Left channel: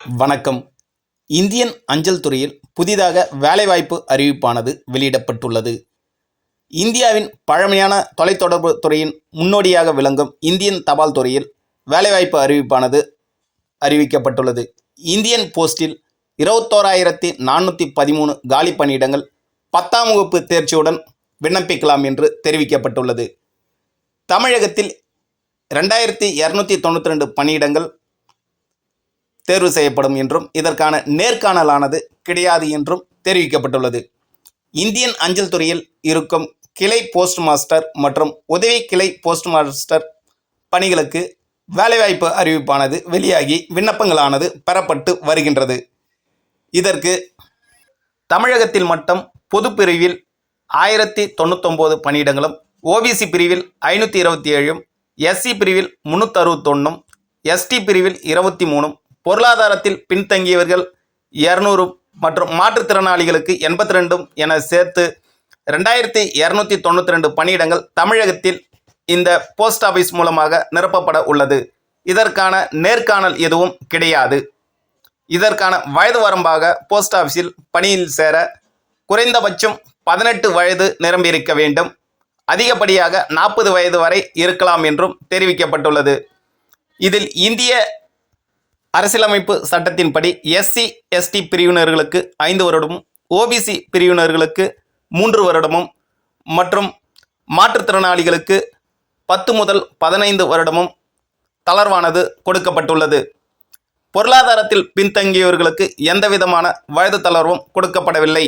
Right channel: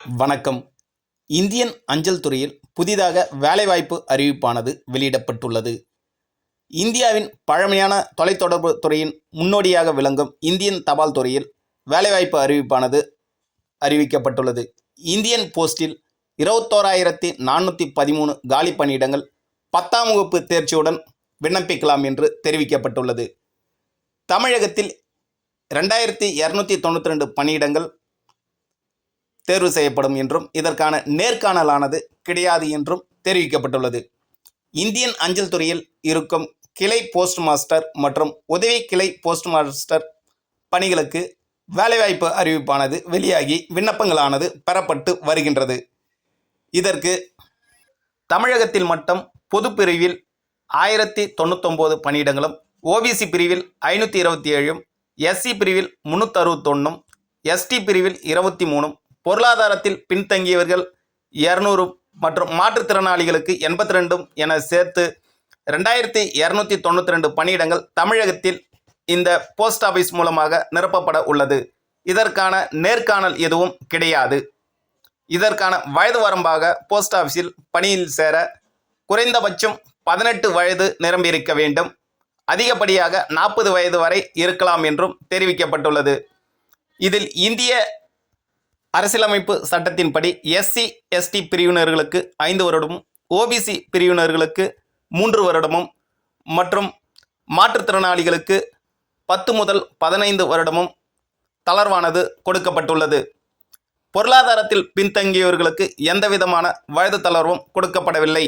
வணக்கம். இந்தியன் அஞ்சல் துறையில் புதிதாக வேலைவாய்ப்பு அறிவிப்பானது வெளியிடப்பட்டுள்ளது. இந்தியாவின் பழமையான தொலைத்தொடர்பு துறையின் முன்னோடியாக விளங்கும் இந்தியன் தபால் துறையில் வேலைவாய்ப்பு அறிவிப்பானது அறிவிக்கப்பட்டுள்ளது. இந்தியன் போஸ்டில் 21,413 காலி பணியிடங்கள் 10ஆம் வகுப்பு தேர்ச்சியுடன் விண்ணப்பிக்கலாம் என்று தெரிவிக்கப்பட்டுள்ளது. தமிழகத்தில் 2,292 பணியிடங்கள் தேர்வு செய்யப்படும் என்றும் இதற்கான நேர்காணலானது கிடையாது என்றும் தெரிவிக்கப்பட்டுள்ளது. இந்தியன் அஞ்சல் துறையில் இருக்கும் கிளை போஸ்ட் மாஸ்டர் மற்றும் உதவி கிளை போஸ்ட் மாஸ்டர் பணிகளுக்கு வேலைவாய்ப்பு அறிவிப்பானது வெளியாகி விண்ணப்பங்களானது பெறப்பட்டு வருகின்றது. இதற்கு தமிழகத்தில் மட்டும் பொது பிரிவில் 1099 பணியிடங்களும், ஓபிசி பிரிவில் 527, எஸ்சி பிரிவில் 361, எஸ்டி பிரிவில் 23, பொருளாதாரத்தில் பின்தங்கியவர்கள் 200 மற்றும் மாற்றுத்திறனாளிகளுக்கு 82 என சேர்த்து 2,292 பணியிடங்கள் தமிழகத்தில் இந்த போஸ்ட் ஆஃபீஸ் மூலமாக நிரப்பப்பட உள்ளது. இதற்கான நேர்காணல் எதுவும் கிடையாது. இதற்கான வயது வரம்பாக போஸ்ட் ஆஃபீஸில் பணியில் சேர குறைந்தபட்சம் 18 வயது நிரம்பியிருக்க வேண்டும். அதிகப்படியாக 40 வயது வரை இருக்கலாம் என்றும் தெரிவிக்கப்பட்டுள்ளது. இதில் இந்திய அரசியலமைப்பு சட்டத்தின்படி எஸ்சி எஸ்டி பிரிவினர்களுக்கு 5 வருடமும், ஓபிசி பிரிவினர்களுக்கு 3 வருடமும் மற்றும் மாற்றுத்திறனாளிகளுக்கு 10 முதல் 15 வருடமும் தளர்வானது கொடுக்கப்பட்டுள்ளது. பொருளாதாரத்தில் பின்தங்கியவர்களுக்கு எந்தவிதமான வயது தளர்வும் கொடுக்கப்படவில்லை.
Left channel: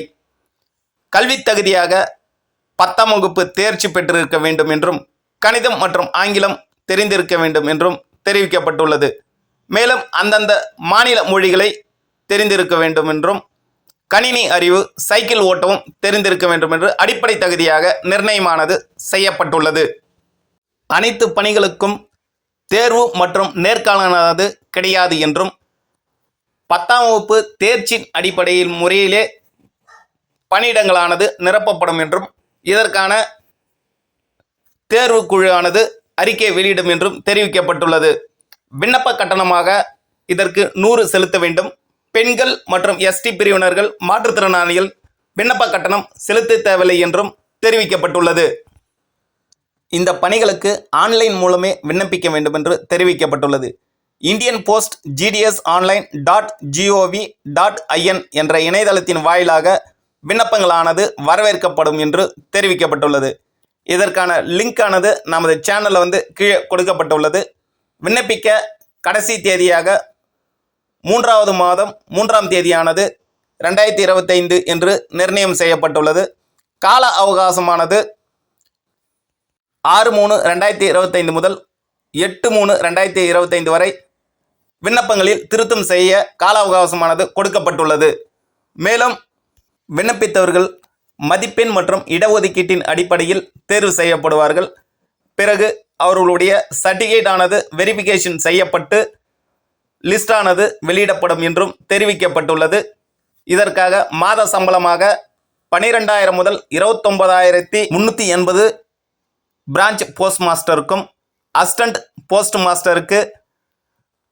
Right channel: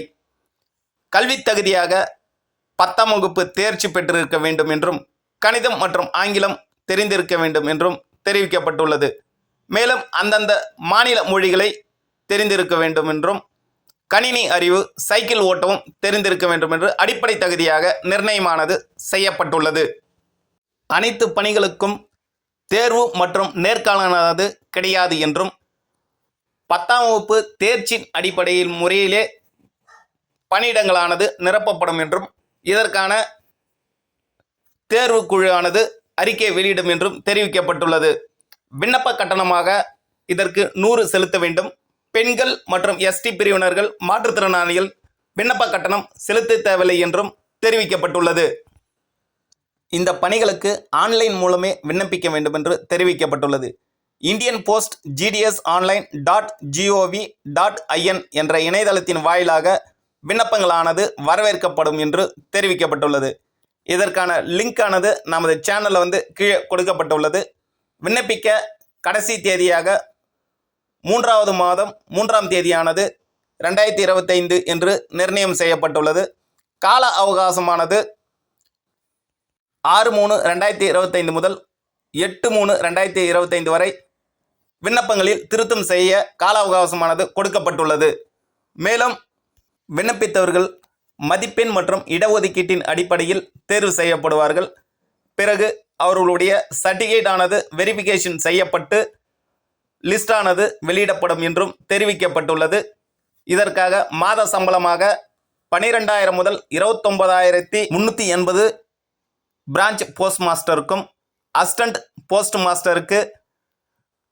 கல்வி தகுதியாக 10ஆம் வகுப்பு தேர்ச்சி பெற்றிருக்க வேண்டும் என்றும் கணிதம் மற்றும் ஆங்கிலம் தெரிந்திருக்க வேண்டும் என்றும் தெரிவிக்கப்பட்டுள்ளது. மேலும் அந்தந்த மாநில மொழிகளை தெரிந்திருக்க வேண்டும் என்றும், கணினி அறிவு, சைக்கிள் ஓட்டவும் தெரிந்திருக்க வேண்டும் என்று அடிப்படை தகுதியாக நிர்ணயமானது செய்யப்பட்டுள்ளது. அனைத்து பணிகளுக்கும் தேர்வு மற்றும் நேர்காணலானது கிடையாது என்றும், 10ஆம் வகுப்பு தேர்ச்சி அடிப்படையில் முறையிலே பணியிடங்களானது நிரப்பப்படும் என்றும், இதற்கான தேர்வு குழுவானது அறிக்கை வெளியிடும் என்றும் தெரிவிக்கப்பட்டுள்ளது. விண்ணப்ப கட்டணமாக இதற்கு 100 செலுத்த வேண்டும். பெண்கள் மற்றும் எஸ்டி பிரிவினர்கள், மாற்றுத்திறனாளிகள் விண்ணப்ப கட்டணம் செலுத்த தேவையில்லை என்றும் தெரிவிக்கப்பட்டுள்ளது. இந்த பணிகளுக்கு ஆன்லைன் மூலமே விண்ணப்பிக்க வேண்டும் என்று தெரிவிக்கப்பட்டுள்ளது. இந்தியன் போஸ்ட் GDS online.gov.in என்ற இணையதளத்தின் வாயிலாக விண்ணப்பங்களானது வரவேற்கப்படும் என்று தெரிவிக்கப்பட்டுள்ளது. இதற்கான லிங்கானது நமது சேனலில் கீழே கொடுக்கப்பட்டுள்ளது. விண்ணப்பிக்க கடைசி தேதியாக 3வது மாதம் 3ஆம் தேதியானது 2025 என்று நிர்ணயம் செய்யப்பட்டுள்ளது. கால அவகாசமானது 6/3/2025 முதல் 8/3/2025 வரை விண்ணப்பங்களில் திருத்தம் செய்ய கால அவகாசமானது கொடுக்கப்பட்டுள்ளது. மேலும் விண்ணப்பித்தவர்கள் மதிப்பெண் மற்றும் இடஒதுக்கீட்டின் அடிப்படையில் தேர்வு செய்யப்படுவார்கள். பிறகு அவர்களுடைய சர்டிஃபிகேட் ஆனது வெரிஃபிகேஷன் செய்யப்பட்டு லிஸ்டானது வெளியிடப்படும் என்றும் தெரிவிக்கப்பட்டுள்ளது. இதற்காக மாத சம்பளமாக 12,000 முதல் 29,380 பிரான்ச் போஸ்ட் மாஸ்டருக்கும், அசிஸ்டன்ட் போஸ்ட் மாஸ்டருக்கு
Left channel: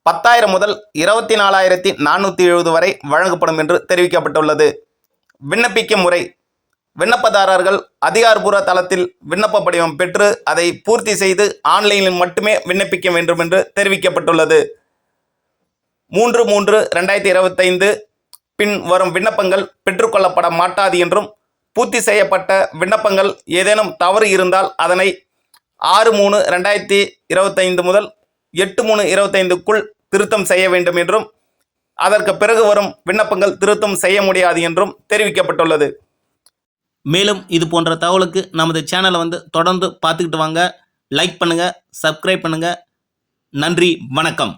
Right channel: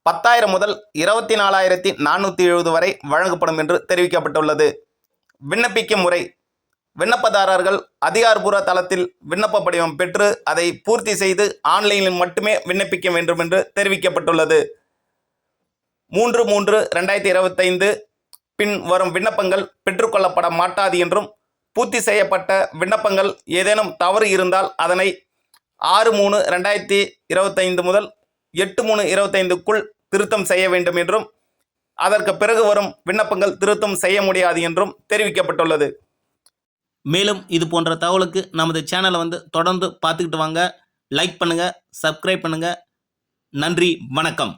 10,000 முதல் 24,470 வரை வழங்கப்படும் என்று தெரிவிக்கப்பட்டுள்ளது. விண்ணப்பிக்கும் முறை: விண்ணப்பதாரர்கள் அதிகாரப்பூர்வ தளத்தில் விண்ணப்ப படிவம் பெற்று அதை பூர்த்தி செய்து ஆன்லைனில் மட்டுமே விண்ணப்பிக்க வேண்டும் என்று தெரிவிக்கப்பட்டுள்ளது. 3/3/2025 பின் வரும் விண்ணப்பங்கள் பெற்றுக்கொள்ளப்பட மாட்டாது என்றும், பூர்த்தி செய்யப்பட்ட விண்ணப்பங்கள் ஏதேனும் தவறு இருந்தால் அதனை 6/3/2025 முதல் 8/3/2025க்குள் திருத்தம் செய்ய வேண்டும் என்றும், அதற்கு பிறகு வரும் விண்ணப்பங்கள் திருத்தம் செய்ய முடியாது என்றும் தெரிவிக்கப்பட்டுள்ளது. மேலும் இது போன்ற தகவலுக்கு நமது சேனலை தொடர்ந்து பார்த்துக்கிட்டு வாங்க. லைக் பண்ணுங்கள், சப்ஸ்கிரைப் பண்ணுங்கள். நன்றி, வணக்கம்.